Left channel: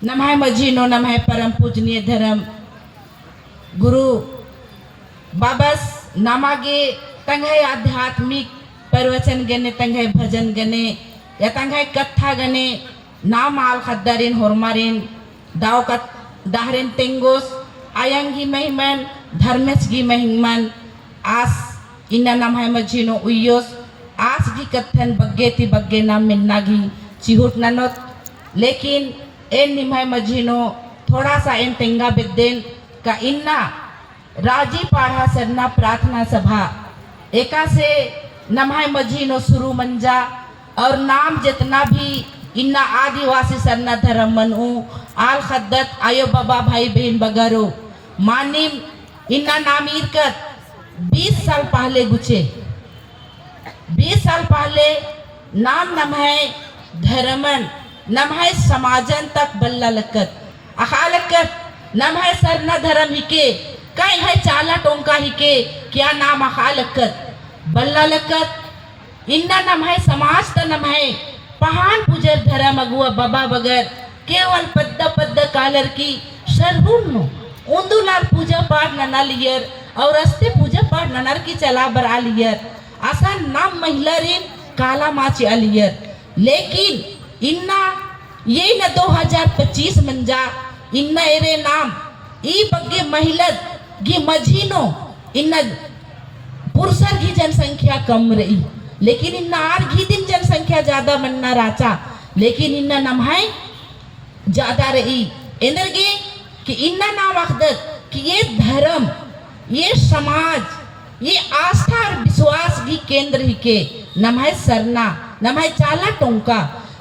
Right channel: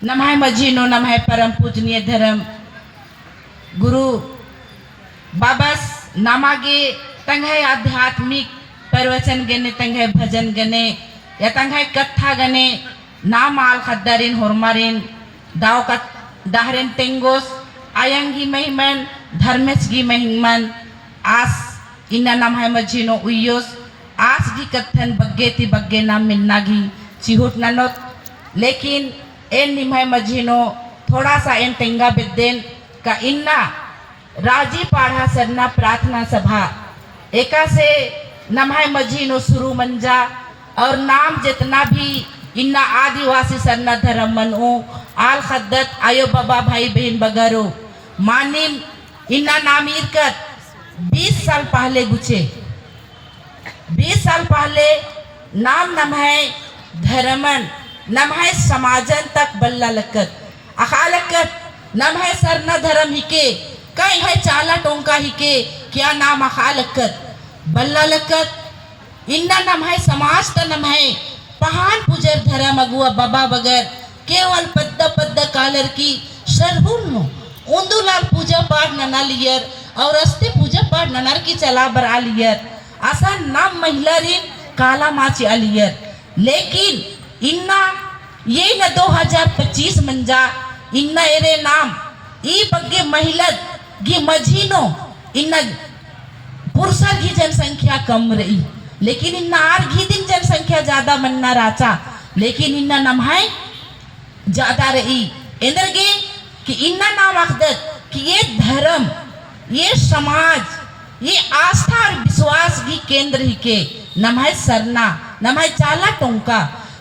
नमः मजीनो नमः परम पूजनीय धर्म गुरु बाबस नामागे तंगे आध्यात्मिक प्रवचन गने तंगे भजन गने या तंगे कथा गने नाम आल खद्दारिन होरमारिन दाव का दाहरेन तेंगोस आयंगी महिमन धर्मेश गी महिमन आस इन्ना नमः मजीनो उयोस आस गी कथन बग्गे ती बग्गे नाम मिलना गी चिहुट ननोत लेकिन एन निमाय मजीनो थोड़ा सा एन तेंगा बिद्देन का इन्ना राजी पाढ़ा सरना प्रार्थना सभा एका से नमाय मजीनो शुरू मंजा और नाम जितना भी इन्ना आदिवासी सरना धर्म मनो आल खद्दत आयो बाबा भाई बहन बगरो मानिन इन्ना नाम इरकत 20 साल पहले गुचे 20 साल पहले नाम नमः धर्मन नमः समाजन तक बल्ला लकत अखालकत नमः सरना धर्म हिके कई है चाला टोंका हिके क्या नाम अखालकत बल्ला लकत इन्ना नमः समाज त नमः पहान पुजर धर्म अगुआ बाबा बगर केवल पद्दा पद्दा कालर की सरहुम उन्दुलाल पूजा पाठ नना लियर और अस्ते पूजा पाठ ननर की चला बरा लियर आसा नाम महिला रिन काला माची अलियर लेकिन इन्ना ये न 2025 मंजा इन्ना एरे नाम ई बग्गे महिला गी मझीनो इन्ना पुरुषर की जनसंख्या कम रही लेकिन इन्ना आर घी दिन जनसंख्या ज्यादा मनना राचा लेकिन इन्ना नमहाय ज्यादा रही इंद्रगे कि इन्ना नाम अखदत कि ये धर्म ये समाज ये आस्था और विश्वास की केंद्र ही के नमः सरना नमः चाला टोंका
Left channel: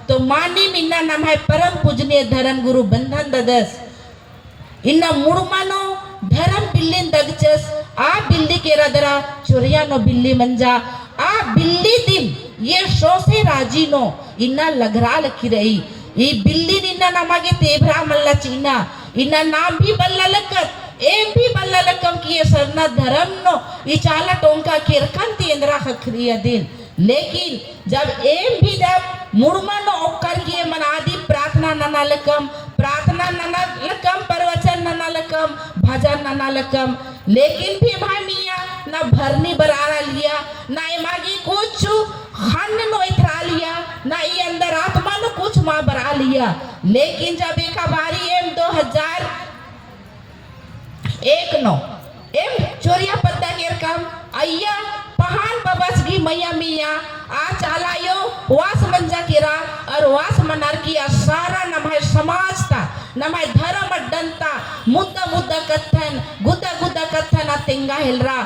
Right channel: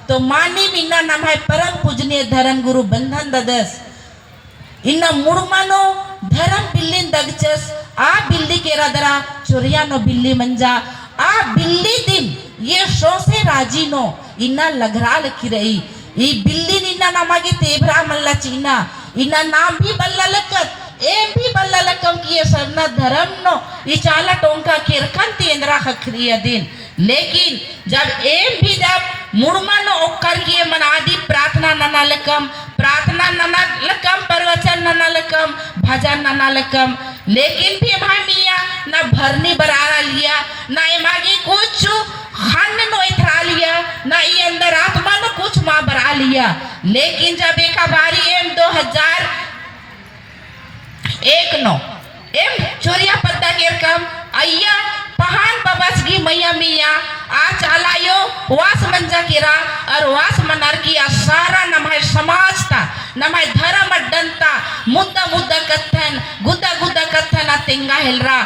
तो मानी मिन्ना नमः परम पूजनीय धर्म गुरु बंधन ददस इन्ना मुड़मानो धर्म बिल्लिन दगचस आ बिल्ली के रदरा चुरिया नो बिल्ली मंजा आ बिल्ली दिन ये शो से राजी नो इन्ना लगरा लकी रही ये बिल्ली इन्ना नमागे तेभरा मल्ला चीना इन्ना नाम भी बल्ला लकत एम भी बल्ला लकम की ये सरना धर्म नो ये चाला टोंका किरकन तेंद्रा खखरिया दिन लेकिन जब एम भी जब मुड़मा नो ओकर की मनादी प्रार्थना नना लकम प्रवचन नना लकम भजन नना लकम लेकिन भी भाई मिया ना भरनी बरारा लिया ना मागी कुछ खान नो इथरा लिया ना ये अंदर आत्मा नो कुछ माँ बरा लिया लेकिन जब एक बारी एम 2001 नो एम चोरिया पत्ता के रकम अय्या पहान बबस की मैया मिया आ चालायो वास मंजा किरा और वास मनार की सारा नमः समाज था नमः धर्म अड्डंता मुद्दा मुद्दा कथन गुद्दा गुद्दा कथन आ तेंगा हिलरा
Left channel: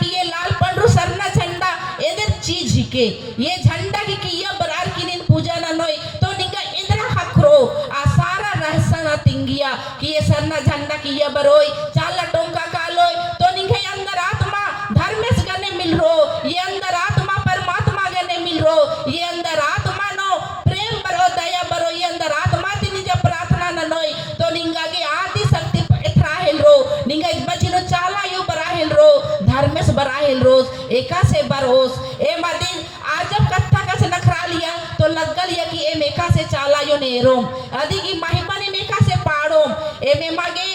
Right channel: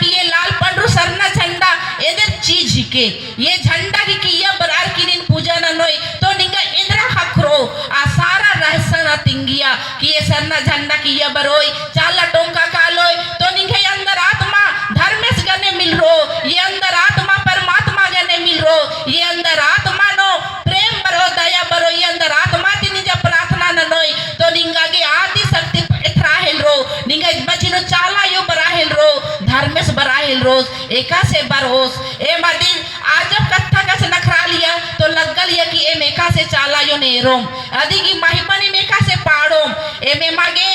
कि ये लाल पंडरू सरना झंडा इधर चीज ही के ये झंडा की ये बरार की दिन पूजा न नोई तो निंगा इंद्रा खखरो आ सारा रहस्य न तिंगिया कि ये सरना झंडा की ये बरोई चाला टोंका कालोय तो निंगे अंदर आत्मा धर्मेश गने मिल रो ये अंदर आत्मा परमात्मा गने मिल रो ये अंदर आत्मा नो प्रेम बरो दया बरो ये अंदर आत्मा तिनी जब प्रार्थना न नोई तो निंगा के आदि शक्ति इथरा हेल रो निंगा बचिनो चाला यो बराहेल रो धर्मेश बराहेल रोज एका से बरोस ए मदिन आज जब कथा का से नखरा लिया तो लगल या कि ए मेका से चाला यो नेरोम आदि की महिमा ने मेका से पाड़ोम ए में मागे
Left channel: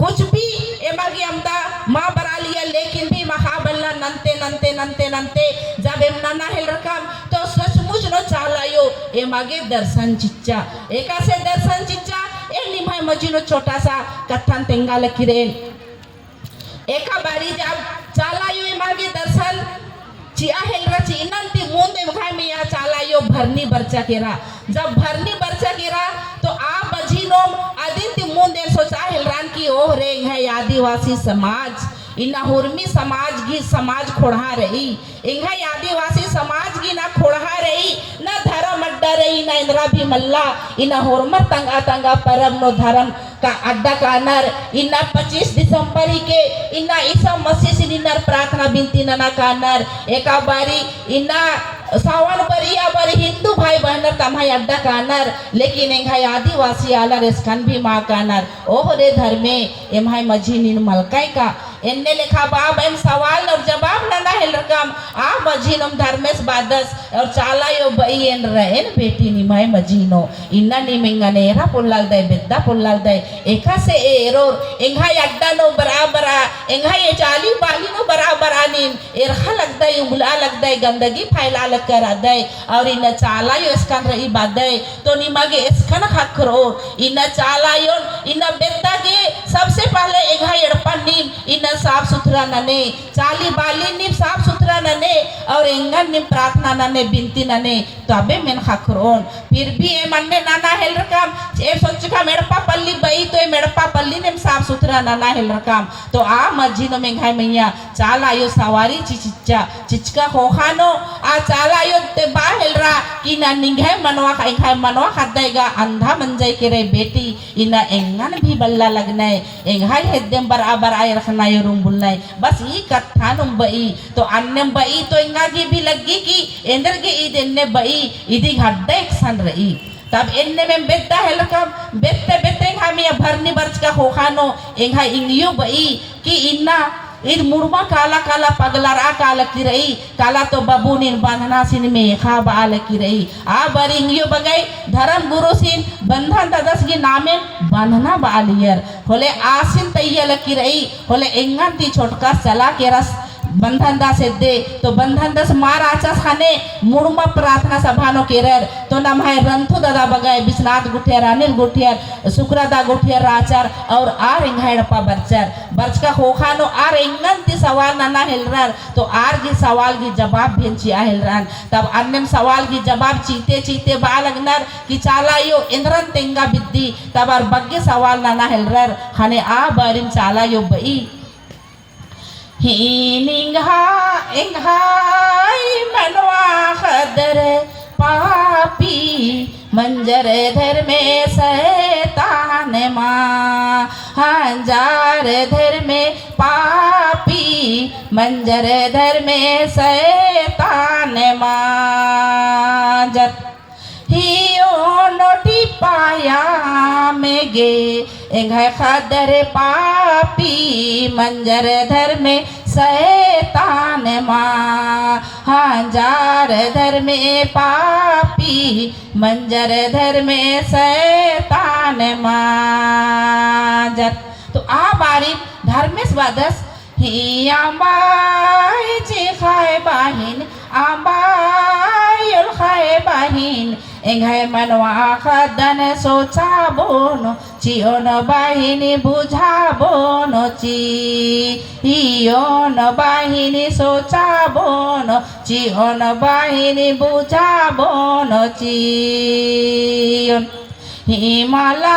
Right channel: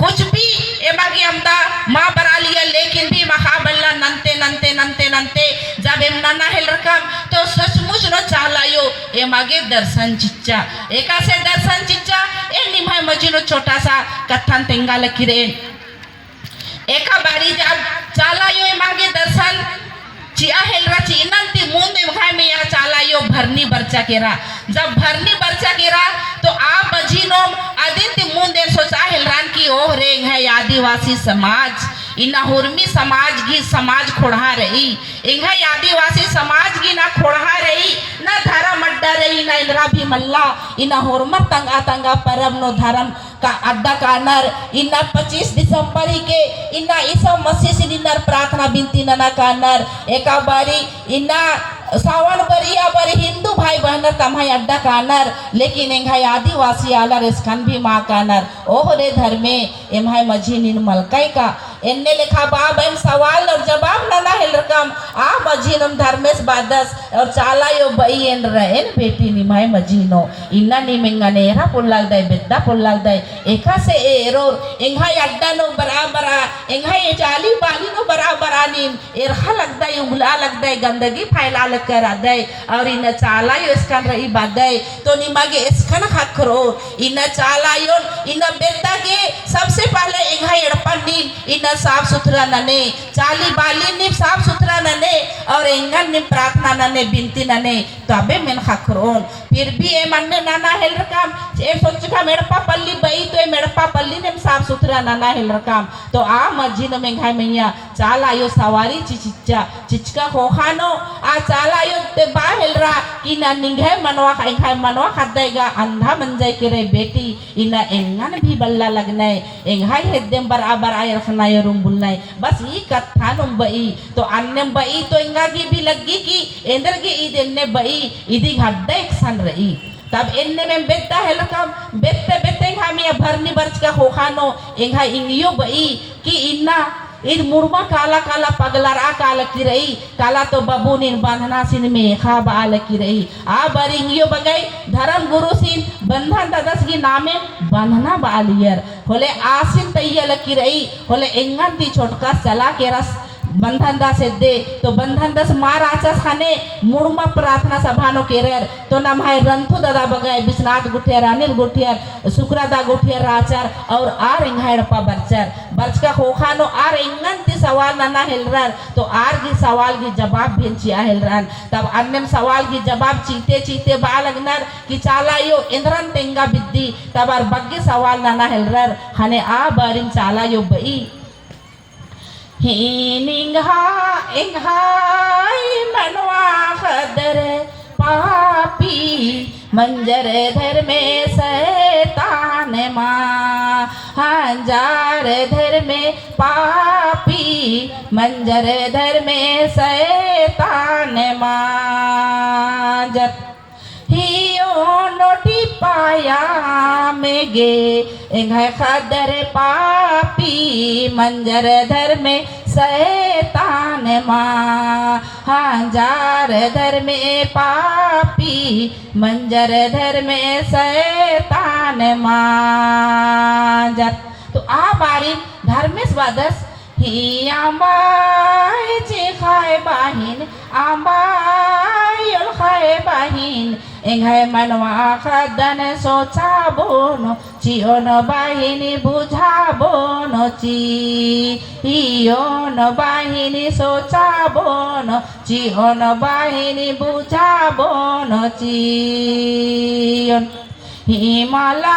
कुछ भी ए मागे हमदा मां बरा लिया लेकिन भी मखाबल्ला नंते नंते नंते नंते जब एम नना हेल रकम तो सचमुच नो चालायो ए मागे दर्शन चिच्चा एका से दर्शन चिच्चा ए निमाय मजीनो छोटा सा कथन तेंगा लकीरेन एका बारी जब चालायो ए मागे दर्शन चिया हेलरा चीनंती मुंदे मखाय में या चालायो भरनी बरचा केरा जब भरनी बरचा केरा तो आ बजीनो आदित्य मुंदे सोचा हेलरान की ओह रेंग है आदिवासी समाज इना हुर्मी समाज की समाज खोड़ा रही इंगा आदिवासी समाज की ना खोड़ा रही ना धर्म अड्डा रही ना इंद्रा भी मल्ला इना हुर्मर तंगा तंगा परम नो धर्म का अड्डा कानर इना 25 दिसंबर के इना ईसा मसीह से निनर प्रार्थना बिनती नना कानर एका बारी इना सावन परिया पर हिंदू भाई बहनर तमाय अड्डा कानर लेकिन इंघाय आदिवासी आला रेस्कन भी माँ कानर ओह रे धर्मे एमाय मझी निन मलकाय का एन्ने लेखा बाब एन सवाल और जवाब ना हेल रकम आ मजीनम धर्मेश बादस और चाला यो बई एन रहेन बेटी निमाय मजीनो इन्ना निमेंगा नेरा पुल्लाल दे बेद्दा पुल्लाल दे एका से एरो एंगा यड्डा नो बराबरा एंगा ये चाली बाली नो बराबरा नीम एरखा लगदा है उंगला लगदा है गंदगी फैला लग कर आदा है और इन चाला यो इसकन रही बादा है तो निमागे इसकन खकरो इन चाला यो इन बेद्दा के सबसे पहले एंगा यड़पा नीम इन साफ सुथरा नने चाली बाली नीम साफ सुथरा नने और एंगन नीम प्रार्थना नने बिनती नने तबे मिन खकरोन फिर भी ए मन्ने नाना हेल रकम ए सोच का मेड़पा पल्ली बई तो ए मेड़पा पल्ली ने साफ सुथरा नाना हेल रकम तो आ मस्जिद में घाय मैया चाला यो सवारी चिचिचा चिचका होखानो आ चाला यो ते बा हेल रा कि ना निंगे मनवा खाई मनवा खदाईगा अंधा मंजय के रे बेटी इना एंगन भी बल्ला लगने एंगाई हेद्देम बराबर आय रखना यो रूम बुलने बस ये कथा नुम बई तो अन्य बई तो एंगा की भी लगी कि एंदर के ईद इन्ने बई इदी हड्डा एक सन रही तब इन्ने में बेटा है लकम बेटे बेटे हमें भरनी बर्च का होखानो एंगा इंगियो बई कि इन्ना इन मुर्मा काला काला पगलरा काला की रही काला तो बबू निन बांधना सिन में खा बाल की रही आ बरिंगियो बगई धर्म गुरु सिन बंधन ददस की नामे बांधना बालियर होले आसिन तैयल की रही होले एंगन ती छोटका चला के रस बंधन दास दे तो बंधन दास मार आचस खाने मुर्मा प्रार्थना सभानो केरर तो नाम है रंथु दादा बगाई विश्वनाथ गुठियर अनिल गुठियर सुक्रदा गुठियर आचार और आर इंघाय रपा बर्चर बर्च का होखानो आर इंगन ती सवाल ना हिलरर तो आर की सवाल की जवाब भेंची आ हिलरन तब अन्य सवाल की जवाब चीते चीते बा लगनर कि चाला यो इंद्रन तेंगा बिद्दी तब आर बग्गे सवाल ना हिलरर खाने आ बारिन चाला यो बई हिनिंगा इंघाई मनवा खदर पापी मंजर धर में शैतान माँ हजार धर में पापी मंजर धर में शैतान माँ जत हियो नोटी पाया में गे इंघाई खदर पापी मंजर धर में शैतान माँ हजार धर में पापी मंजर धर में शैतान माँ जत तो आ बारी धर्मेश वादस ही आंबाई जे खाए बाहिन आंबाई खाए बाहिन एंघाय मनवा खदन सोचा बोनो चियोन बाहिनी बुझा बोनो चियोन बाहिनी सोचा बोनो चियोन बाहिनी बुझा बोनो चियोन हिमाला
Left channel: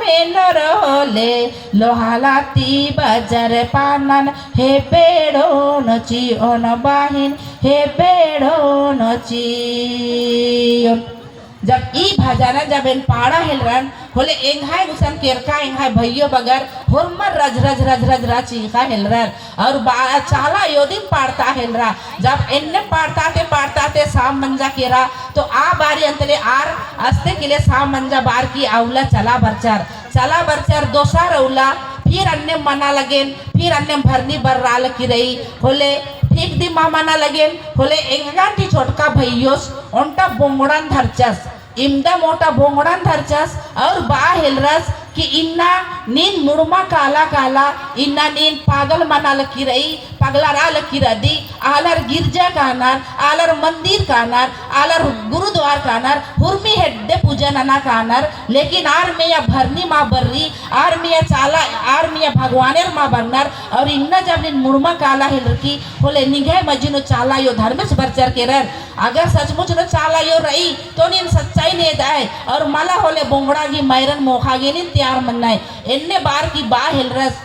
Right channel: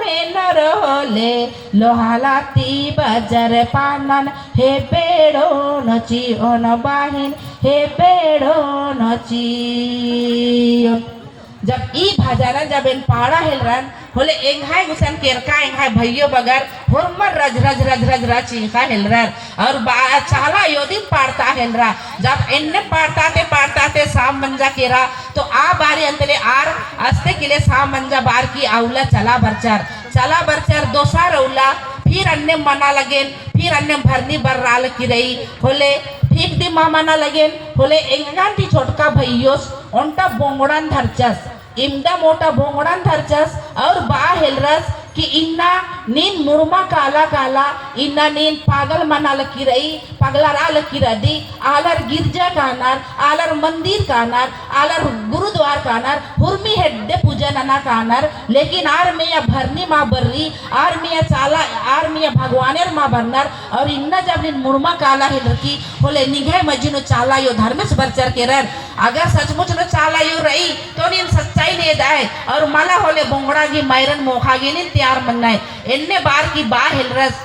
में नरले लोहालाती बजर पानन हे पेड़ो न चियोन बाहिन हे पेड़ो न चियोन जब ई भाजाना जब इन पाड़ा हिलरन होले एंघाय गुसन केरका एंघाय भइयो बगर हुरमर रज रज रज रज रज चीखा हिलरन और चाला योदिन पाड़ता हिलरा जब इनने पाड़ता ते साम मंजा केरा तो आ बारी अंतरे आर अस्ते के लिए साम मंजा बार की आउला चला बरचार दोसा रौला फिर अन्य मना लगेन फिर अन्य भरनी बर राल की रही होले ठीक दी मामाना लगेन होले एंगांटी छोटका भइयोस ओंटा बोंगड़ान धरचस इमदा मोटा बोंगड़ान धरचस और बा हिलरस कि इन्ना नीन मुर्मा काला काला इन्ना नीन पागल मना लकी रही पगला रा लकी रदी आलर गिरजा कानर आलर मंदिर कानर आलर गुरुद्वार कानर हुरमी हेड्डे पूजन अना कानर लेकिन आर में या भरनी माँ बर्री आर में या चाला आर में या भगवानेर माँ बन्नर और इन्ना जब इन मुर्मा काला हिलकी होले निघे मजिनो चाला यो धर्मेश बरचर के रर अगर सचमुच न चाला यो रही तो नीन सच्चाई ने दाए और माला होले बोंगड़ा की मैरन मोखा गे नीन तैयार मनना है इन्ने बार की बा हिलरस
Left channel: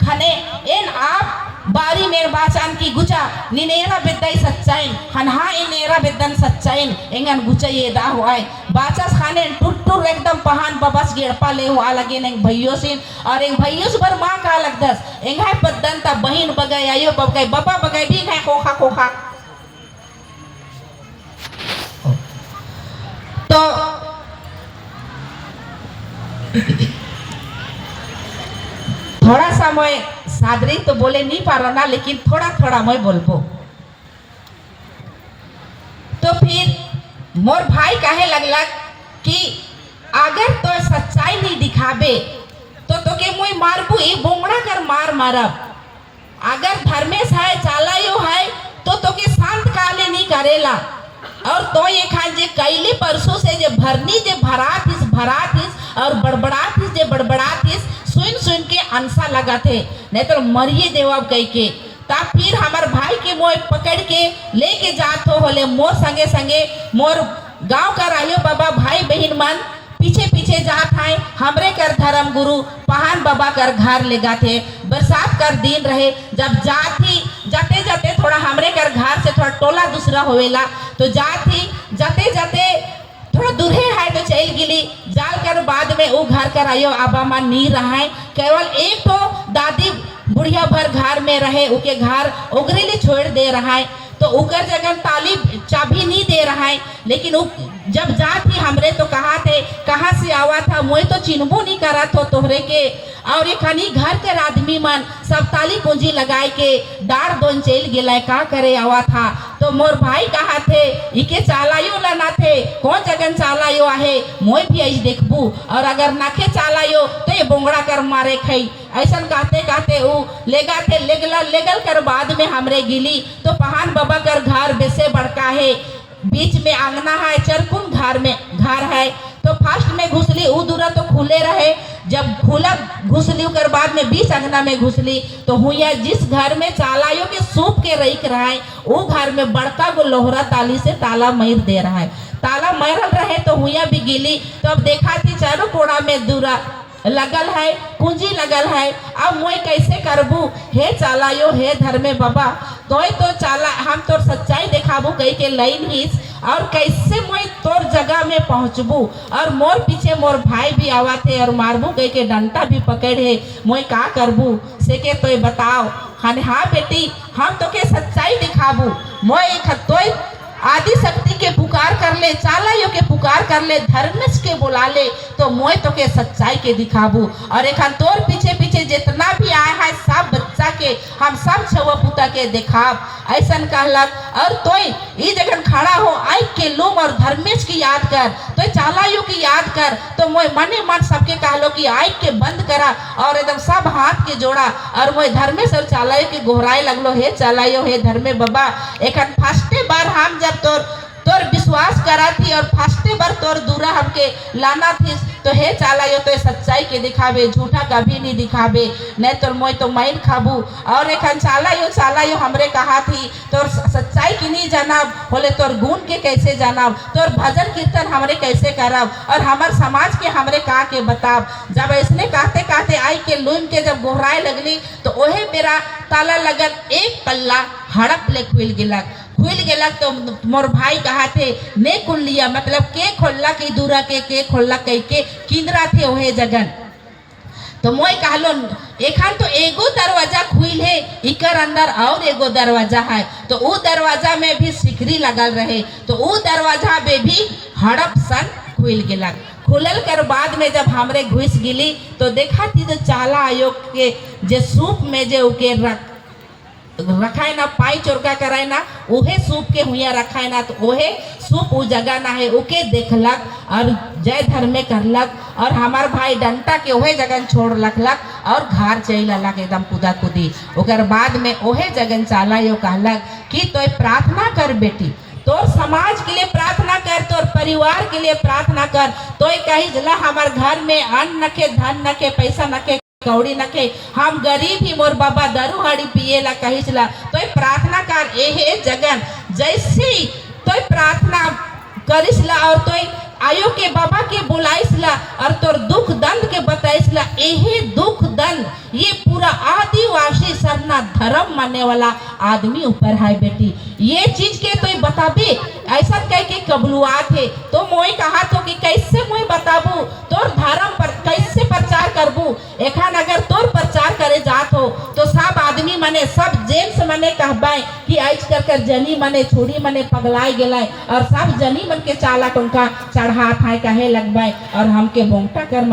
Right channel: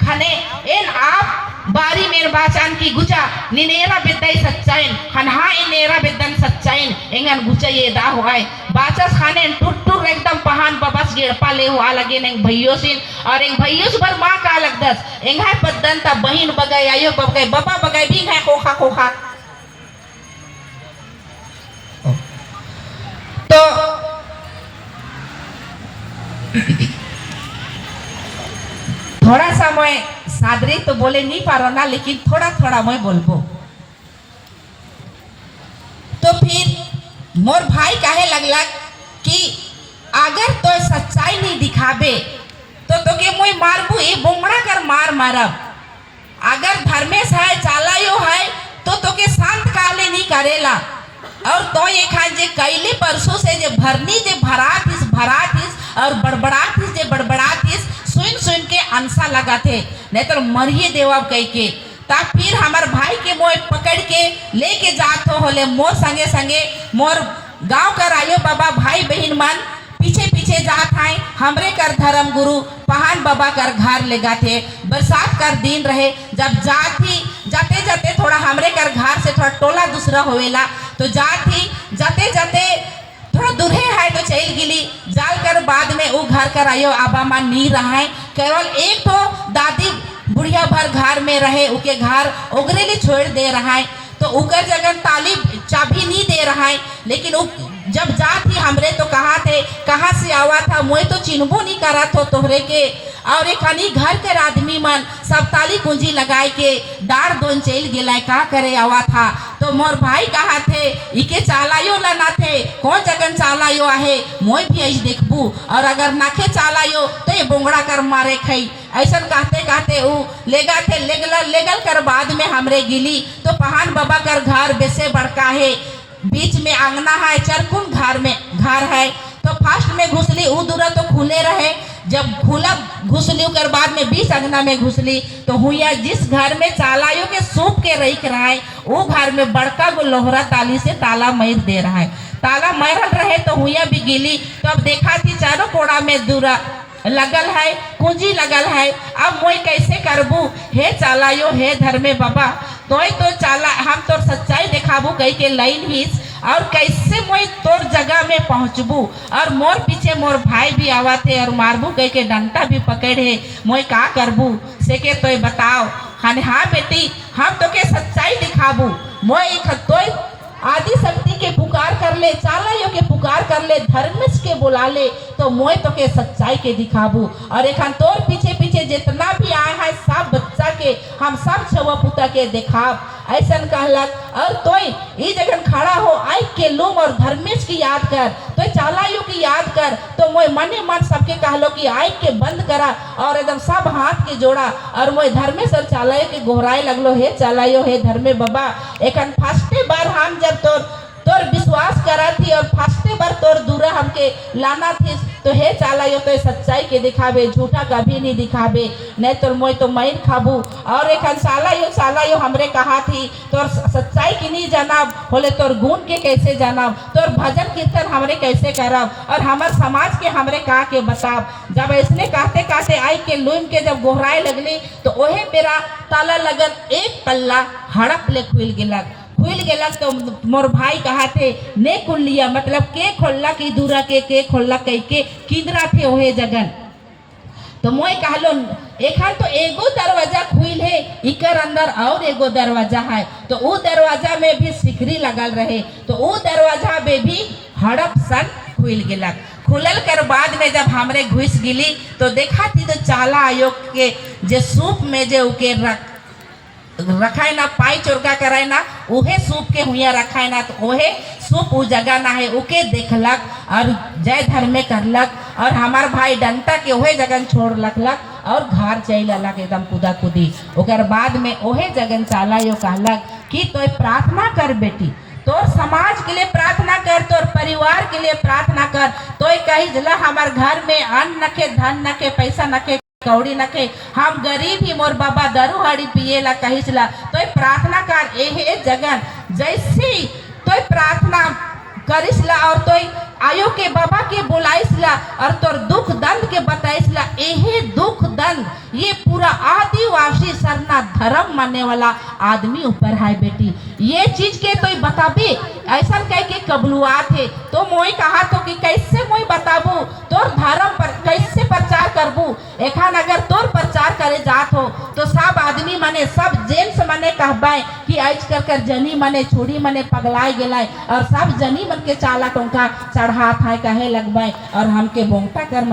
खने इन आप बारी मेर बाचान की गुचा निनेरा बेदाई सच्चाइन हनहा इनेरा बेदन सच्चाइन एंगन गुचा ये दा हुआ है बाचस खाने टुट्टुर एकदम पहान बबस गिरपा ले हुआ लगे नेंग भइयो सिन और एंग भइयो भर मां का लगदस एंग है पद्दन ता बहिन बगाई आयो बगाई बबा बगाई भी है कोखा कोखा तो थोड़ा सा मैं सादरी तो बोले नहीं पा रहा ना, लेकिन थोड़ा थोड़ा मैं बोलबो। तो फिर मोर भाई कहे लगलक कि अगर तो सच्चाई नहीं दिखाबे तो तोके मोई मारबू, ये बोंगड़ा कर मार मारब। अगर धर्मेश है चालायो है तो तोके शांत काले नहीं करेला। और तो ये खान जे कैली परसों से जे भरनी जे भरातिस और बड़बड़ातिस जे बड़बड़ातिस सुन के अंसा लगा थे, नहीं तो मरिए देवब कह के। तब फिर हमार भाई के मोए पकड़ के लेके जात हो होले मोर संगे संगे मोर गांव कर आयो बाबा भाई बहन मान पीछे पीछे जात है। हमरे कर धर्म गुरु पहान बाबा कर घर ले जाते। बरसात कर दिन रहे, जब जाते जाते थोड़ा हमरे कर घर से थोड़ा टोला दूसरा होवेला, तो जाते जाते थोड़ा दूर है तो चल गिली जाल कर। बाद में वो घर कर आयो आबा मान नहीं रहा, केवल एक तो दादी बुढ़िया भर घर में रहे, उके घर उगरे लिए छोड़ दे रहा है। तो उकर जगह ताली चाबी नहीं दे रहा है। लेकिन जब जात ही हमरे तो कहाँ से आवा था, मोए तो चिन्हबो नहीं करा तो तोहरे के। और एक हनी घर के आदमी मन सब ताली कुंजी लगाए के डार दोन चल गेला, का करे आवा था। तो मोर भाई कहा थे इके चालायो ना थे, कौन जगह चालायो आहे मोई भी ऐसे देखबू, और अगर नाखे चालायो तो ये बोंगड़ा कर मारे खई। ऐसा कहते वो लेगल कर बाद में हमरे गिली। तो पहान बाबा कर घर बेसे बड़का है, बीच में आंगना है, चरकुम घर है। तो फर्स्ट में घुसली ऊ दूरा तो खुले रहे, जब खुला घुसली कर बाद में बीच अंगना में घुसली तो हुआ जिस घर में चालायो के सूप के रख रहा है वो घर में बड़का गो लोहरा ताली से ताला मार दे रहा है। ताला मारल रहे तो हुआ भी गिली। तो अब देखा थी चारों कोना में दूरा लगल है, कुंजी लगल है। अब मोई कैसे करबू, हे चालायो हे धर्मे बाबा, तो चाला हम तोर सच्चाई दिखाबू कह के लाइन हिस, और कैसे मोई तोर जगह में पहुंचबू। और मोर पीछे मोर भाई भी आवा थे और मारबू कह के डंटा भी पकड़े, मोई का करबू से के तो बताओ। हाँ बेटी हम तो के सच्चाई दिखाबू, मोई तो आदि शक्ति के पुकार कर ले, चालायो के पुकार कर ले, धर्मेश के बुला ले, तो मोय तो के सच्चाई के दिखाबू। और एक तोर पीछे पीछे जितना भी आए है सब बच्चा के हम सब छवा पुता के दिखाब, ऐसा कहलक। और तो ये जगह खड़ा हो आई के लोग और धर्मेश की याद कर, तो चालायो की याद कर। तो मोय मने मन सबके कहलो कि आई के बंद करा और एकदम सब हाथ के जोड़ा, और मोय धर्मेश और चालायो के गोहराए लगलो, हे चालायो हे धर्मे बाबा, एक फर्स्टे बार हम जब तोर विश्वास करा थी और फर्स्टे बार तोर दूरा हमके लाना थी, तो हे चालायो तो सच्चाई के दिखावे, झूठा कभी नहीं दिखावे, नहीं तो मोय तो मैन खाबू। और एक चालायो हमरे कहा थी तोर सच्चाई की नहीं जानब, बोले तोर गुण के कैसे जानब, तोर भजन कीर्तन हमरे कैसे करब, और हमार समाज के हमरे कहा के बताब। जब ऐसने कहते आई के लूम के जब गोहराए लगली तो ओहे बेरा ताला लगल एक पल्ला हड़प ले खुल गेला। तो मोर भाई कहा थे ने खुल लिया, मतलब के खोलला की दूरा के खोलला कह के किंदरा थे ओहे जगन। तो मोय कहलो एखान तो एगो दरवाजा खुल है, इकर अंदर और एगो दरवाजा है, तो वो दरवाजा में भी सिकरी लगल रहे, तो वो दरवाजा में भी हड़प सन खुल गेला। खुलल कर बाद में जब हमरे घुस गिली तो देखा थी तो चाला आयोग के जे सूप में जे उके रखाए ना, पाई चोरका कराए ना, उहे सूप के हुआ रखाए ना, तो ओहे सूप उ जगह ना है उके देखलक और जय धर्मे करलक। और हमार भाई डंटा के ओहे जगह छोड़ लखलक और घर चल अलग एकदम कुदा कुदी। ओकर बाद में ओहे जगह चाला यो कहलक कि तो प्रार्थना कर बेटी, तोर समाज के लिए प्रार्थना कर, तोर परिवार के लिए प्रार्थना कर। तो कही जला हमार घर में अन्न नखे, धन नखे, पैसा नखे, कौड़ी नखे, हम गरीब ही, मोर बाबा दारू हड़ी पिएला कहिसला, तो प्रार्थना कर एहे जगन जैसी तो प्रार्थना करिसला। और तो आयो के बाबा के बुलाइसला और तोर दुख दंड के बताइसला। एहे दुख दंड ये पूरा आदिवासी सरना धर्म मानने वाला आदमी ऊपर है बेटी, ये चीज के तो बताबे ऐसा कह के कबलुआ थे। तो मोई कहा तो कि कैसे मोई बताबू तोर धर्म पर कैसे प्रचार करबू। एखान अगर तोर प्रचार करे जात हो तो सब आदमी माने सब जेंट्स माने कहबाए कि आज कर जनी मने छोड़ी मने पगलाए गेलाय और सब जनी मन के चाला टोंका चढ़ा था कहे लगबाय और हमके बोंगटा कर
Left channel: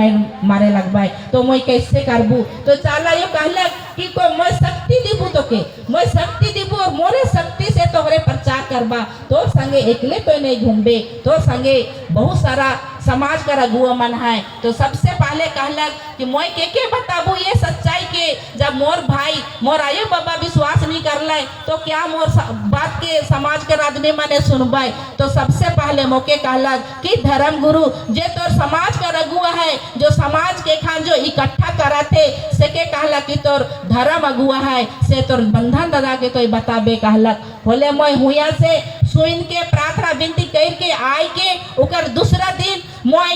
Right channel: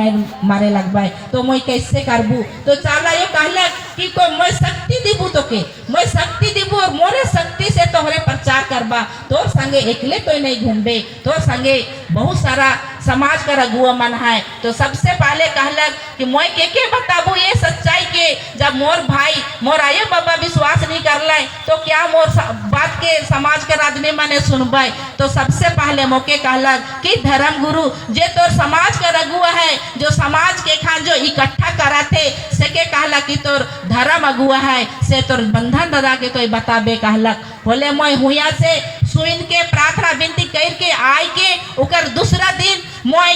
मारे लगबाय तो मैं कैसे करबू तो चाला ये कहला कि को मैं शक्ति दीबू तो के मैं शक्ति दीबू और मोरे शक्ति से तोहरे प्रचार करबा तो संगे एकले कोई नहीं घूमबे तो संगे बहुत सारा समाज का रघुआ मन है तो सबसे पहले कहलक कि मैं के बताबू ये सच्चाई के जब मोर भाई मोर आये बाबा विश्वास नहीं कर लाए तो क्या मोर बात के समाज के आदमी मने सुनबाई तो सबसे पहले मौके कहलक कि धर्म गुरु जे तोर समाज के रघुआ है जो समाज के खान जो इकट्ठा करा थे से के कहलक कि तोर धर्म अगुआ है से तोर बंधन दादा के कोई बताबे कहलक बोले मैं हुआ से सुन के प्रार्थना विनती करके आए के उकर दूसरा दिन मैं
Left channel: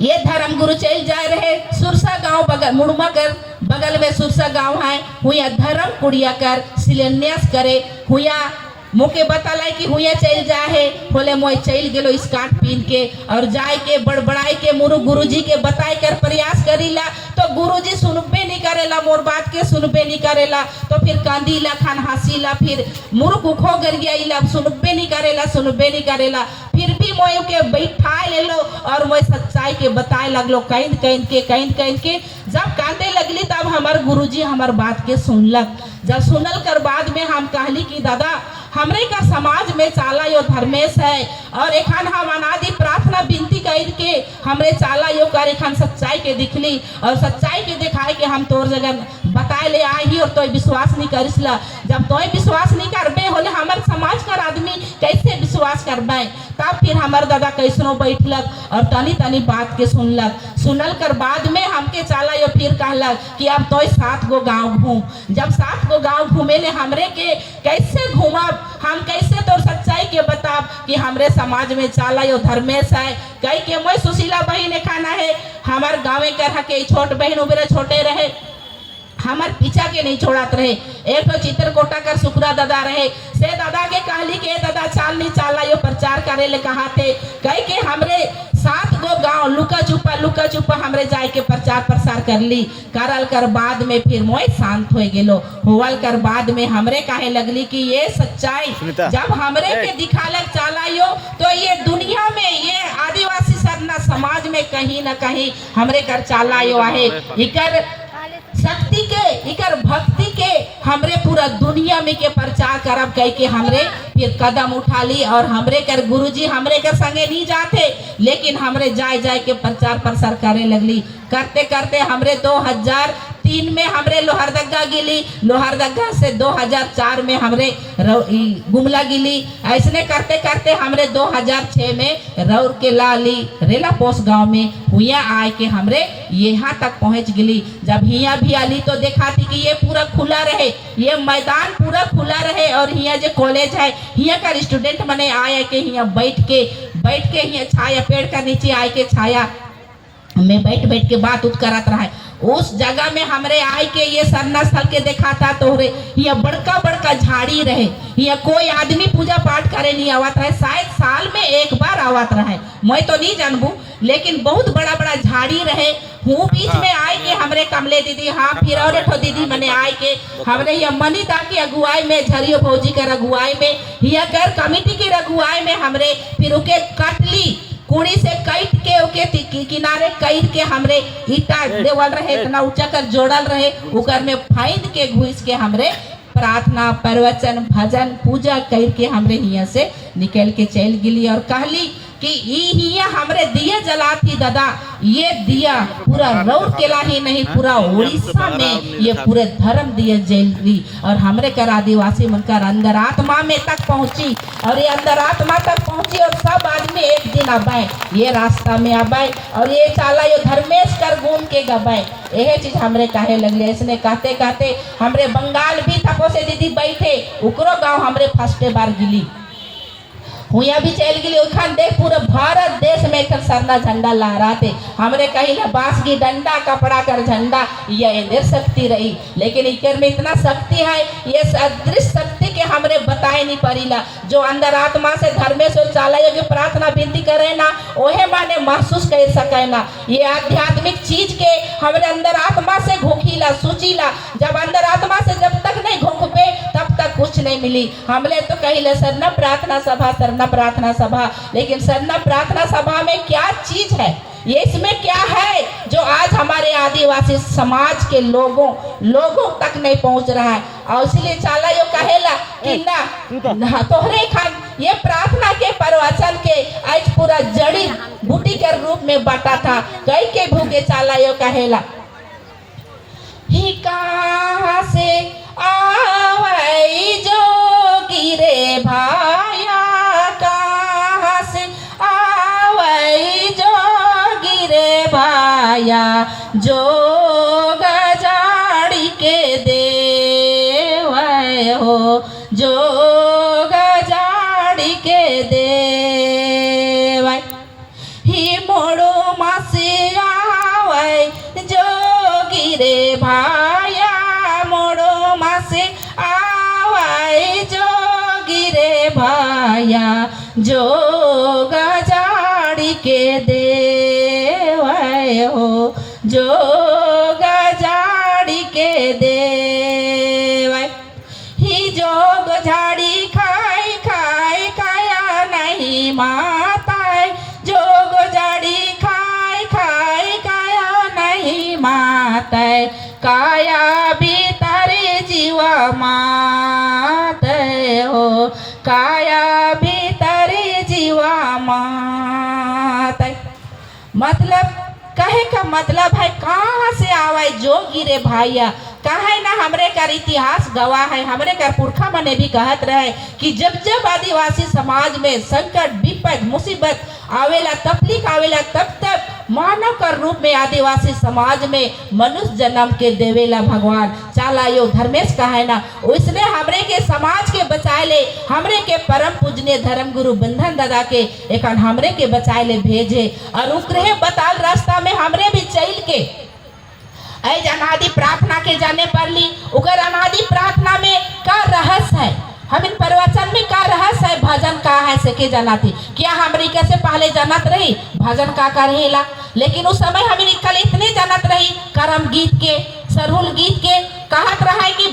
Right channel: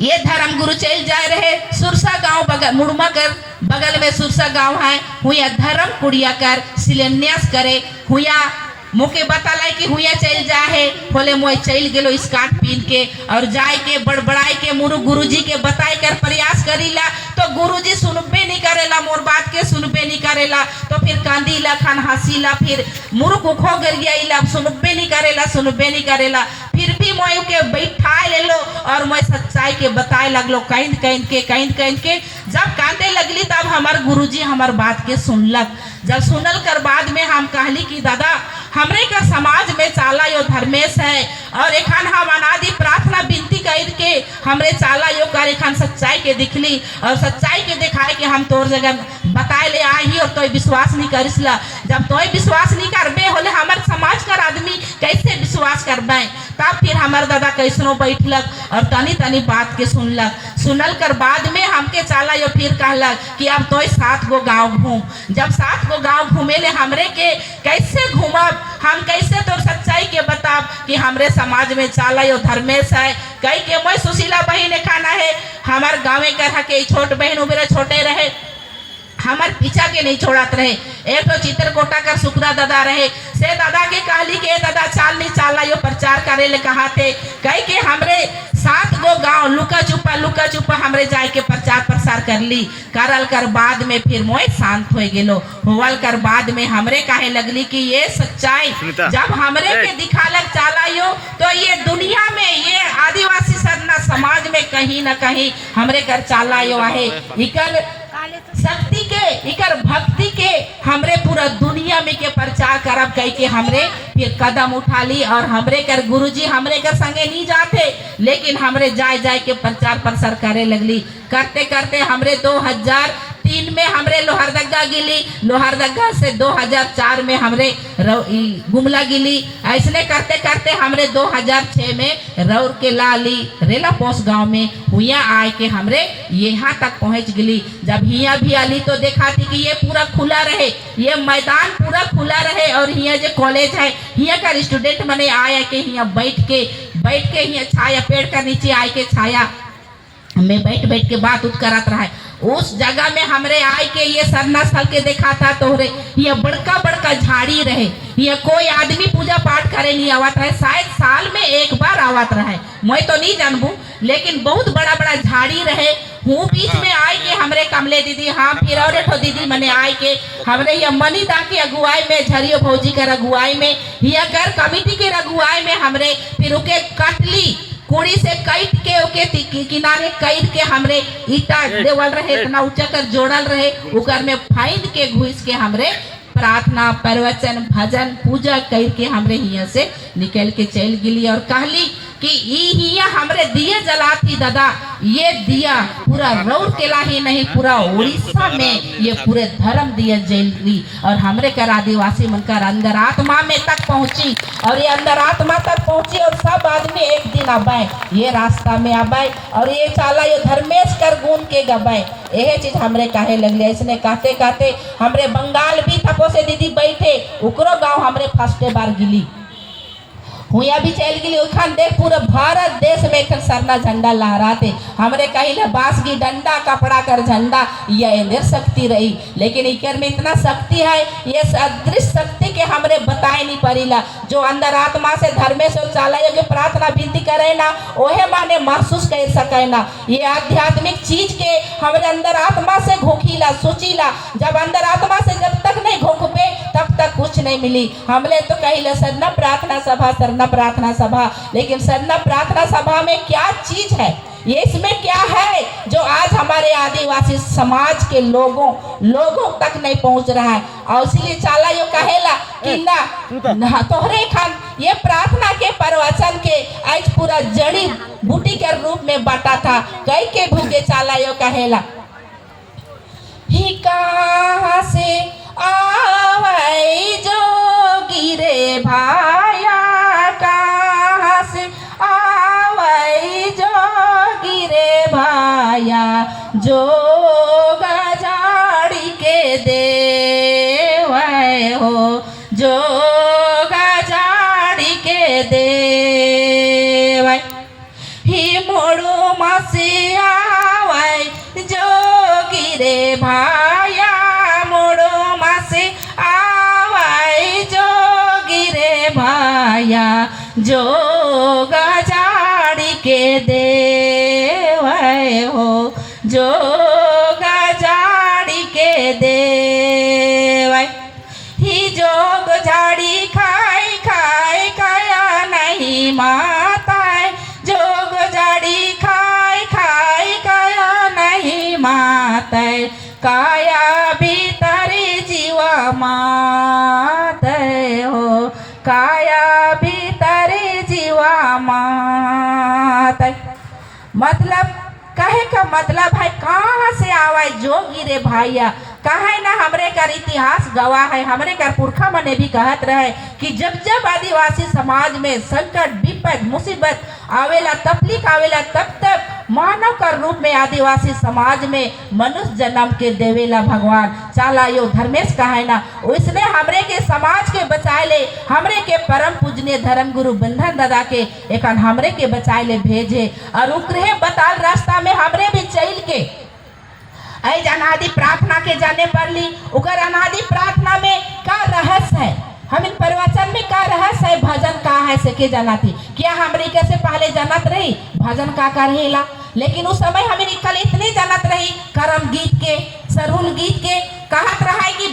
ये धर्म गुरु चल जाए रहे सुरसा गांव बगल मुड़मा कर बगल में सुरसा गांव है हुआ धर्म कुड़िया कर शिलान्यास करे हुआ मुके बताला कि हुआ चल जाए बोले मोय चल गेलो स्कार्ट पीन के और जाए के बड़बड़ाई के मुरु गुरुजी के बताए कर प्रयास करीला तो गुरुजी सुनबे नहीं करेला मोर बात के सुनबे नहीं करेला तो फिर कांदीला खान हंसीला फिर मुरुख उखो गर गईला सुनबे नहीं करेला फिर भी मोय के बैठा ले लो और मैं सच्चाई के बताए लगलो कहीं के जब कांदे लगली तब हमार गुरुजी हमार बात के सुनलक जब सुनल कर बाद में हम कहली कि दादा हमरे का समाज में चाला यो धर्मेश है और एखान हम अनादि प्रार्थना विनती कर के हमरे चाला यो कर एखान सच्चाई के दिखली और सच्चाई के दिखाए कि हम तोर जगह बताए ले आई और तोय विश्वास नहीं करिसला जब तोय विश्वास नहीं करबे होले हमार समाज का आदमी कैसे विश्वास करबे तब फिर हमार दादा कैसनो बैठलक और तनी बात के सुनल कर बाद में हमके चाला यो फिर कहलक कि अब तोय 7 गो गांव घूम जब 7 गो गांव घूमे ले हमरे के कैसे घूमब हम कैसे तोर सच्चाई के बताब कि हमरे समाज में चाला यो धर्मेश है कई के मैं सुशीला बहन खाना है हमार गाँव कर के छोट बहन उबरे छोटे रहे हमार पीछा के नहीं छोड़ात रहे एक तो चित्रकोटा का सुकरा दादा रहे से दादा के कहली के दादा चाल नहीं चाला यो प्रचार करे ले कहा थे कई के हमरे 7 गो गांव लुका छुपा हमरे जाए के प्रचार प्रसार कर ली करल कर बाद में फिर मोय शांत हो गेलो होवल कर बाद में हमरे काहे लगली कि ये सच्चाई जब हमरे के दिखालक चाला यो तो ये दुनिया में ये आदिवासी सरना समाज में कहीं न कहीं हमरे कर चाला यो आहे इकर शक्ति के इकर भक्ति के हमरे पूरा दुनिया में के प्रचार करब कह के हमरे फिर कदम उठा ली और हमरे कर गुरुजी हमरे कर संगे नहीं जाते लेकिन हमरे जाए के प्रचार प्रसार करे लगली करते करते हमरे 2003 में हमरे लोहरदगा गिली लोहरदगा से 2004 में हमरे गुमला गिली ऐसने करते करते हमरे 2006 में रौर के लाली रेला पोस्ट गांव में हुआ आए के हमरे यहाँ तक पहुँच गली जब यहाँ भी आली तो देखा थी कि ये पूरा खुला रहे ये मैदान पूरा खुला रहे और यहाँ जो कॉलेज है यहाँ का स्टूडेंट मने आए के यहाँ बैठ के यहाँ छाया पेड़ का नीचे आए के छाया में बैठ के बात उठ करत रहा उस जगह में हमरे आए के ये सरना स्थल के देखा था तो ये बड़का झाड़ी रहे ये कोई आदमी पूजा पाठ करे नहीं आवत रहे शायद साल में एक बार आवत रहे मैं तो नहीं जानबू लेकिन बहुत बड़ा झाड़ी रहे हूँ बीच में आए के हमरे कमले दीदी हाँ फिर और एक दीदी मने आए के हमरे ये मनीदा की अगुवाई में झरियो फौजी का अगुवाई में ये कर कमेटी के अगुवाई में हमरे फिर उके कटली कुड़ी से काट के ओके किनारे काट के हमरे ईटा देवल रहे इतना ऊंचा कर जोड़ल रहे उकर में फाइन के घुस के हमरे प्रार्थना प्रवचन भजन पूजा करके हमरे यहाँ से निकल के चल गिली और कहली कि हिया हमरे दिया जलाती दादा ये दिया पूरा रौरकेला ही नहीं पूरा उड़ीसा में ये पूरे धर्म दिया जली और हमरे कर आदिवासी मनकर अंतरात्मा में तक पहुंची और ये अंतरात्मा तक पहुंची और सब आदमी एक दिन आबाए ये रास्ता में आबाए और ये चाला ये धर्मेश कर घूम के गबाए यह चीज हमरे काहे लगले इसने कहते हमरे बंगाल भी थपो से दीदी बैठे उकरो गाँव हमरे फर्स्ट बार गिली हुआ भी चल गई उखान देख पूरा भारत देश में एक सरना झंडा लहराते हमरे कहीं ना बांस की डंडा कपड़ा कर झंडा ये इंद्र शक्ति रही लेकिन इकर में इतना शक्ति है ये अदृश्य शक्ति के हमरे बताए नहीं पड़ीला जो अंदर आत्मा से धर्मेश्वर चाला ये प्रार्थना विनती करे ना ओहे माने महसूस कर सके ना ये आध्यात्मिक चीज के हमरे अंदर आत्मा से घोखीला सोचीला जब अंदर आत्मा से जब तक नहीं घोंकबे तब तक कुछ नहीं मिली। हमले तो कहिले सरना प्रार्थना सभा, सरना प्रार्थना सभा, लेकिन सरना प्रार्थना सभा में क्या चीज है, ये इसमें क्या है जो आज हमारे आदिवासी समाज के लोगों तक नहीं पहुंच रहा है। और इसलिए चाला यो कहेला कि ना तोहरे खान ये प्रार्थना के प्रवचन के आज पूरा जड़ी बूटी के रूप में बटा था। कई के भूखे चाला यो कहेला ही कहाँ से आवै जोगी रे भाया, कहाँ से आवै जोगी रे भाया, जोग जाड़ी के देव हो, जोग जाड़ी के देव ही मोड़ो मासे आवै जोगी रे भाया, मोड़ो मासे आवै जोगी रे भाया, जोग जाड़ी के देव हो, जोग जाड़ी के देव ही जोग झाड़ी खाई खाई खाया नहीं माता, जोग झाड़ी खाई खाई खाया नहीं माता, काया भीतरी जीव मात हो, काया भीतरी जीव मात। मतलब कहे का मतलब है कहाँ से आवाज जोगी रे भाइया, कहे ना हमरे कर इतिहास गवाह है, हमरे कर पुरखा मने भी कहत रहे कि जब जब आदिवासी समाज में संकट विपद मुसीबत आवेला, तकलीफ आवेला, तब तब मानव का रूप में आदिवासी समाज में मनुष्य जन्म के देवेला भगवान। चाला यो धर्मेश कहे ना उसने हमरे के समाज के बचाए ले, हमरे के परम पूजनीय धर्म गुरु बंधन दादा के एक हमरे के बचाए ले भेजे और उकरे बताल रास्ता में हमरे भी चल के ऐ अनादि प्रार्थना के जाने पर ली। उकर अनादि प्रार्थना में का रहस्य है, हम इन प्रवचन में का रहस्य है, भजन का है सके जाना थी। क्या हमरी कैसे पहले जानत रही भजन का करेला, लेकिन उस समय हमें कल इतने जानत रही करम गीत के, सरहुल गीत के, कहत रहा कि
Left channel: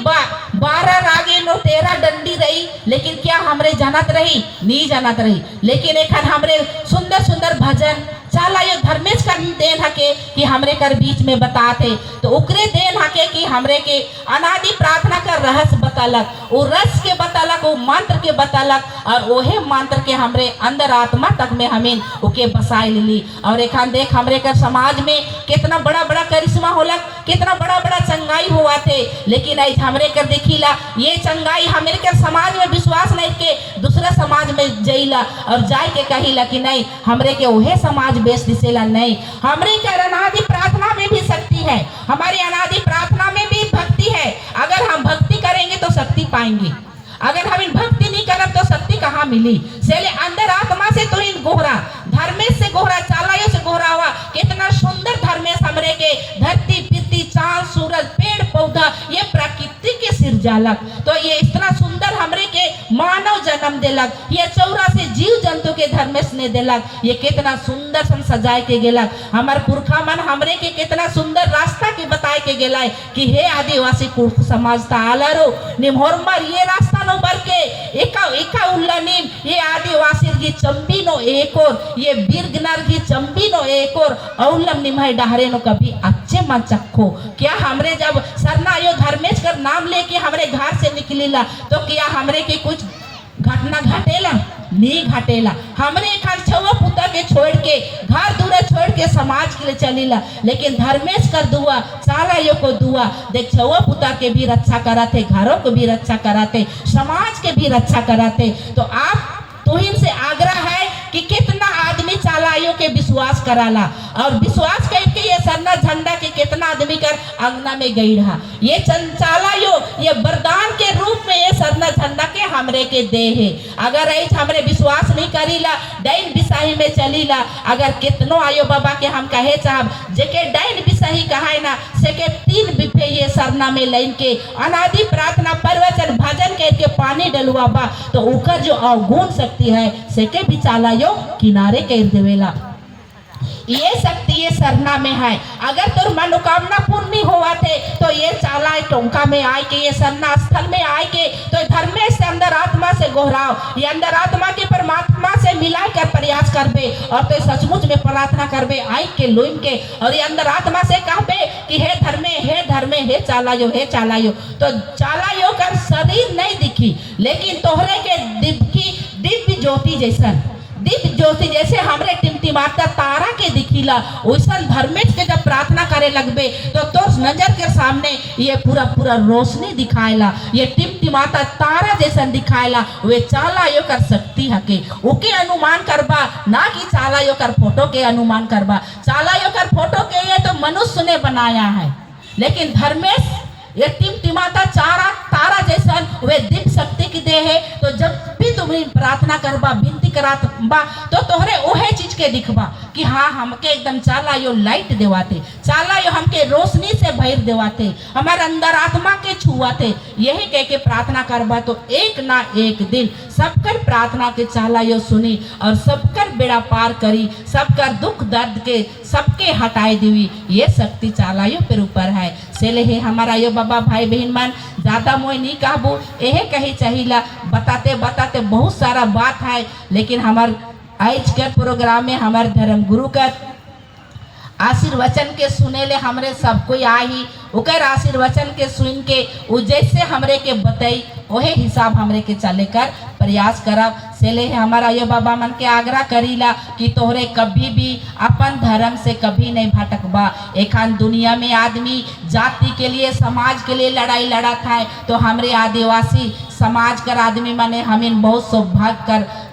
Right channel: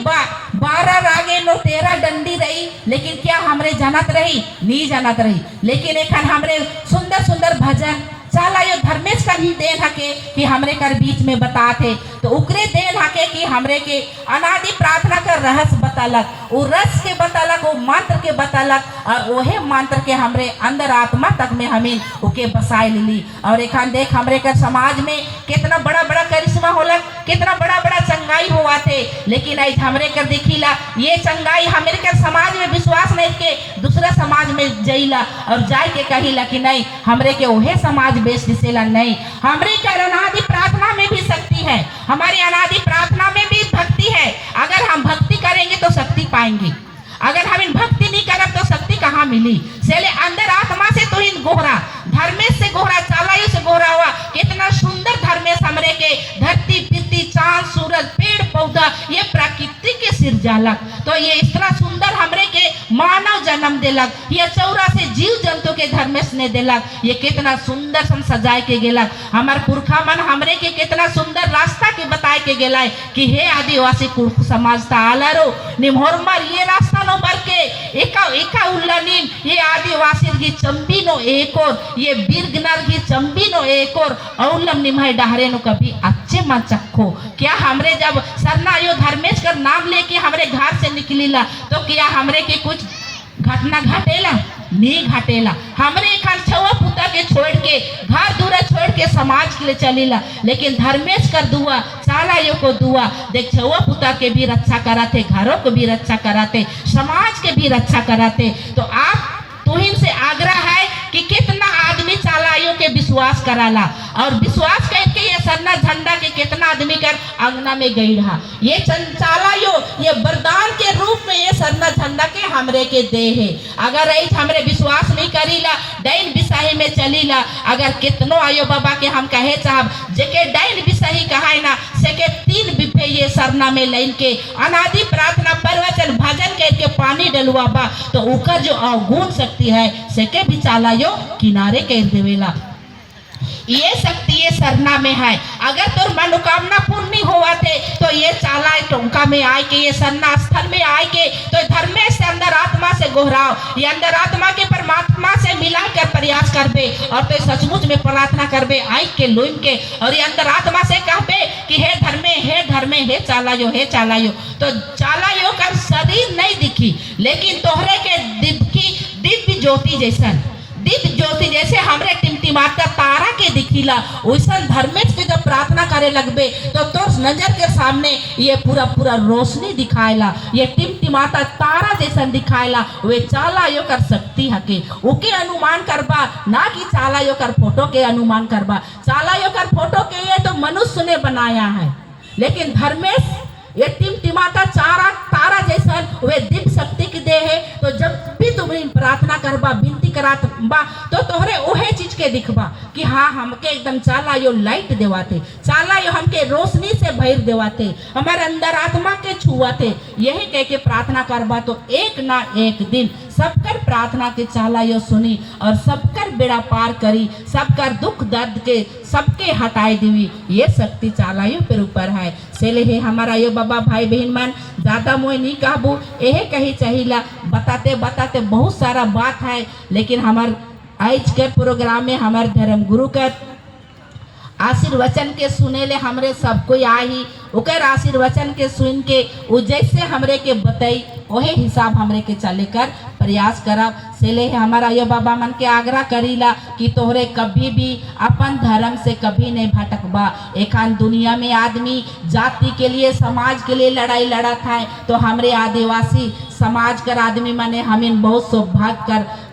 12 रागे नो 13 डंडी रही, लेकिन क्या हमरे जानत रही, नहीं जानत रही। लेकिन एक हमरे सुंदर सुंदर भजन चाला यो धर्मेश कर देन हके कि हमरे कर बीच में बताते, तो उकरे देन हके कि हमरे के अनादि प्रार्थना का रहस्य बतालक, वो रस के बतालक, वो मंत्र के बतालक, और वही मंत्र के हमरे अंदर आत्मा तक में हमें उके बसाए ली। और एक देख हमरे कर समाज में कितना बड़ा बड़ा करिश्मा होला, कितना बड़ा बड़ा चंगाई हुआ थे, लेकिन आज हमरे कर देखिला ये चंगाई हमरे कर समाज में विश्वास नहीं के दूसरा समाज में जइला और जाए के कहिला कि नहीं हमरे के वही समाज बेच दिसेला। नहीं, हमरे के अनादि प्रार्थना में भी शक्ति है, हमारी अनादि प्रार्थना में भी भक्ति है। अगर हम भक्ति करेंगे तो शक्ति पाएंगे, अगर हम इन भक्ति नहीं करब तो शक्ति कहाँ मिली। सेले अंदर आत्मा से तो इन गोहरा धर्मेश से गोहरा चालायो से गोहरा हुआ, कितना सुंदर धर्मेश हमरे के धरती पृथ्वी चांद सूरज पेड़ पौधा ये प्रकृति के सिरजालक, तो ये इतना सुंदर हमरे के मानव जन्म देलक, ये 84 जीव जंतु के धर्मेश ने देलक, ये कितना सुंदर सम सजाए के गेलक। हमार पुरखा मन हमरे के कितना सुंदर रास्ता के बताए के गेलाय कि हे आदिवासी कुर्ख समाज तालरो निमोरमर ये रास्ता नो बर के एका उल्लानी ये आदिवासी की चंपी नो एक और ये बीरगनर की चंपी नो एक और औलम निमय डहरे नो कभी अच्छे मन चखो। क्या हमरे जब सरना यो धर्मेश का नाम लेके हमरे घर से निकलीला तो क्या हमरे के कुछ घटना घटेला, नहीं घटेला। हमरे खान छवा पुता के छोड़ के घर दूर छोड़ के समाज के लिए चलीला, लेकिन धर्मेश कर दुआ चाला यो को दुआ देख छवा पुता के भी रक्षा कराते, घरों को भी रक्षा कराते, समाज के भी रक्षा कराते। तो आप तुहिन से आग्रह है कि कितना आदमी चालायो के विश्वास कराला और विश्वास करके ये सन्ना झंडा के कितना आदमी कर अंगना में गई रहा। ये चालायो ये वरदान के रूप में ये सन्ना झंडा के हमरे के दे है। अगर ऐसे हमरे विश्वास नहीं करीला डाइन बिसाही में चलीला, अगर कितनो आयो बाबा के हम कहे साहब जेके डाइन बिसाही कहाय ना सेके 3 बिफे ये सरना में लाइन के अनादि प्रार्थना प्रवचन भजन के पानी डलुआ बा तो उकर जो अवगुण शक्ति है सेके भी चालायो किनारे कर देवेला। ये शक्ति ये सरना में है। अगर तोर मनोकामना पूर्ण नहीं हुआ थे तो ये चाला टोंका में आए के ये सरना स्थल में आए के तो धर्मेश से अंदर आत्मा से गोहराओ, ये अंदर आत्मा के परमात्मा से मिला कर प्रयास करबे और तो सचमुच में प्रार्थना करबे आई के लोइन के और ये अंदर आत्मा से कहबे कि हे धर्मे हे चालायो तो चालायो का शरीर नहीं दिखी लेकिन तोहरे के दिव्य ज्योति जैसे हमरे टिमटिमाता तारा के दिखीला वैसा धर्मेश के जब प्रार्थना करे लगबे तो नजर के सामने ये पूरा रोशनी दिखाएला, ये टिमटिमाता तारा जैसा दिखाएला। वे चाला यो कर शक्ति हके ओके अनुमान करबा ना कि चाला यो कर फोटो के अनुमान करबा। चाला यो कर फोटो के ये तो मनुष्य ने बनाया है लेकिन धर्मेश ये टिमटिमाता तारा जैसा वे दिव्य शक्ति की दे है। तो जब भी तुम्हें प्रार्थना करबा विनती करात बा तो तोहरे उहे चीज के दिखबा कि हाँ हमके एकदम चाला यो लाइट देवाते, चाला यो हमके रोशनी से भर देवाते, हमारे अंदर आत्मा के छुआते। यही कह के प्रार्थना करबा तो एक ना एक दिन सबकर प्रार्थना के चाला यो सुनी और सबकर बेड़ा पार करी, सबकर दुख दर्द के सबके हटाए देवी। ये शक्ति चाला यो पर ऊपर है सेले ही हमारा यो बाबा भाई बहन मन ज्यादा मोय नहीं कहबू यही कही चाहिला। बताते बहुत सारा बात है लेकिन हमार आज के प्रोग्राम में हमारे धर्म गुरु का आशीर्वचन के सुने ले हमरे सब कोई आई ओकर आशीर्वचन के सुन के वो जैसे हमरे के बताई वही हिसाब हमरे के चले कर प्रयास करब। सेले हमारा ये बाबा मन के आग्रह करीला कि तोहरे कभी भी अपन धर्म से कभी नहीं भटकबा। एखान दुनिया में आदमी जाति के लिए समाज के लिए लड़ाई लड़त है तो हमरे आदिवासी समाज कर आदमी माने हमें बहुत सौभाग्य कर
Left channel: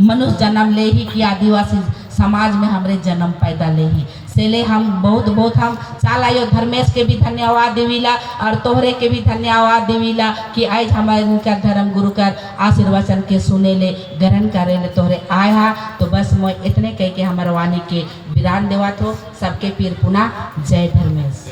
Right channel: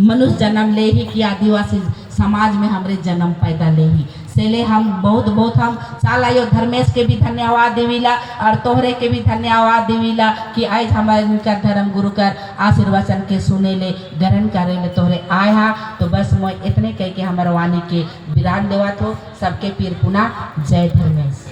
मनुष्य जन्म ले ही कि आदिवासी समाज में हमरे जन्म पैदा ले ही सेले हम बहुत हम चालायो धर्मेश के भी धन्यवाद देवीला और तोहरे के भी धन्यवाद देवीला कि आज हमारे उनका धर्म गुरु कर आशीर्वचन के सुने ले ग्रहण करे ले तोहरे आए हा। तो बस मैं इतने कह के हमारे वाणी के विराम देवा तो सबके पीर पुना जय धर्मेश।